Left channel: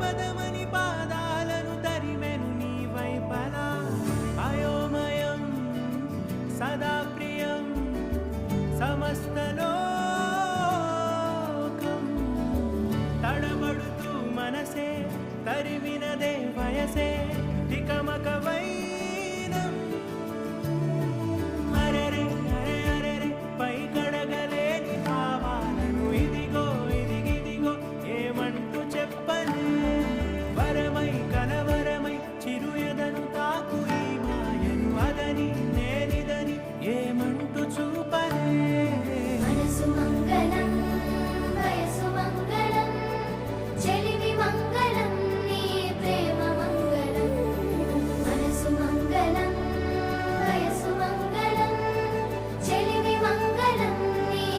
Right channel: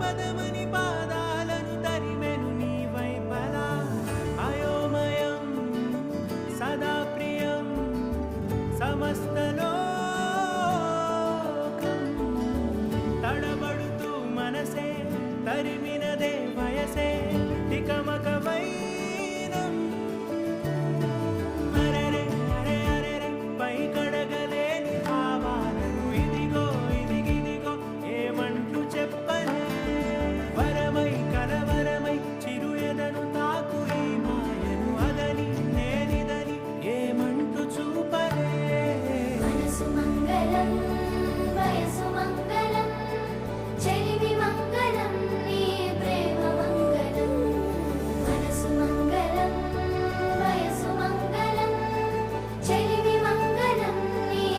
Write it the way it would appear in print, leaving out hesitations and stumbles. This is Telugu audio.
పదమని పాదాలను తరిమెను నీ వైపలా అయోమయం సదా ప్రియం సమస్తలోకం తడబడుతూ మనసే తరిమినదే వయసే తికమక